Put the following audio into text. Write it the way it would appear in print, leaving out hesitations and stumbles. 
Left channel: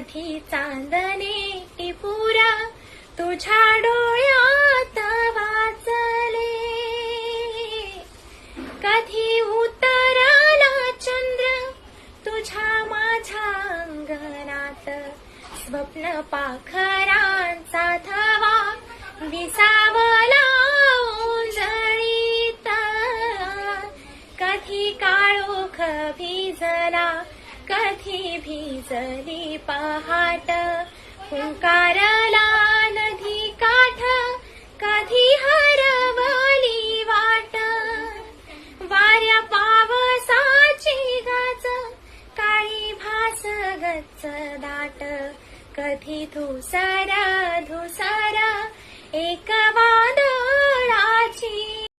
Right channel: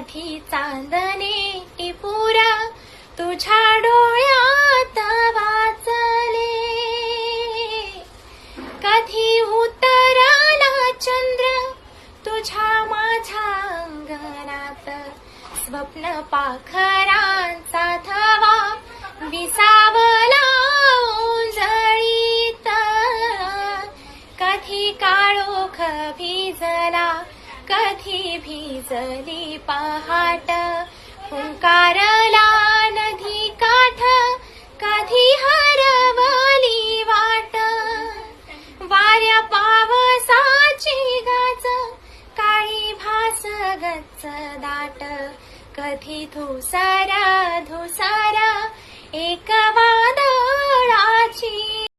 कधी चांदणे टिपुरा तुझ्या डोळ्यात वाचले, कधी उतरला चंद्र तुझ्या माझ्या अंगणात, स्वप्न पाखरांचा थवा विसावला ओंजळीत, कधी काळोख भिजला कधी भिजली पहाट, हुंकारला नदी काठ कधी हरवली वाट, वाऱ्या पावसाची गाज काळी भास गच्च दाट, कधी धुसारा धुसारा एक